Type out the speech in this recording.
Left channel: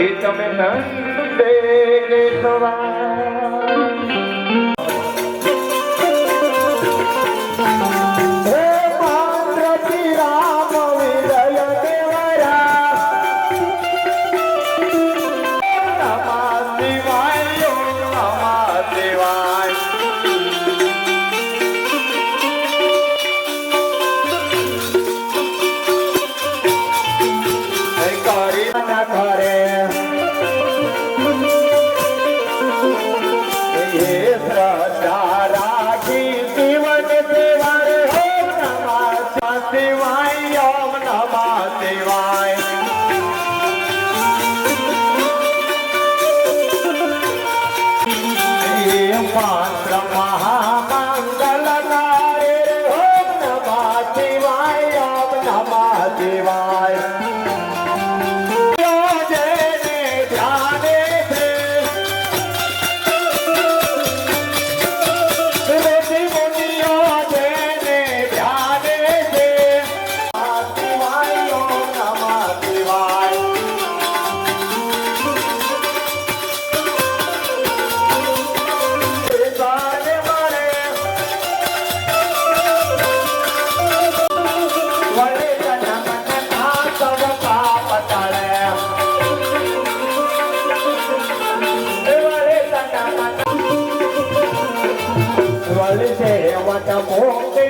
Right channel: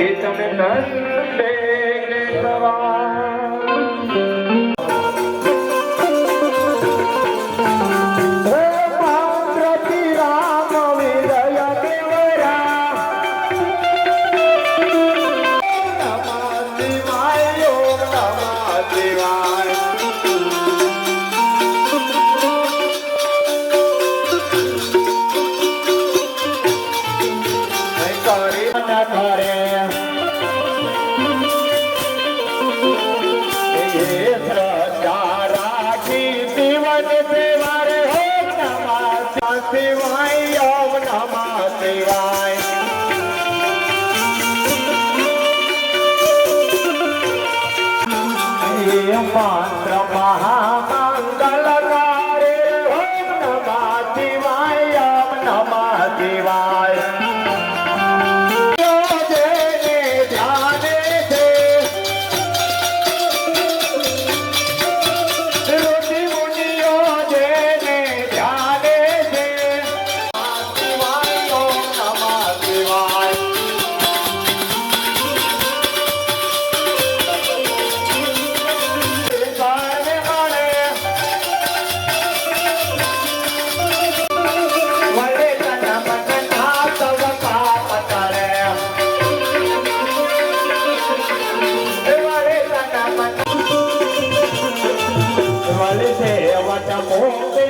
Ele também dá. divine. મળશે વટ મોકલે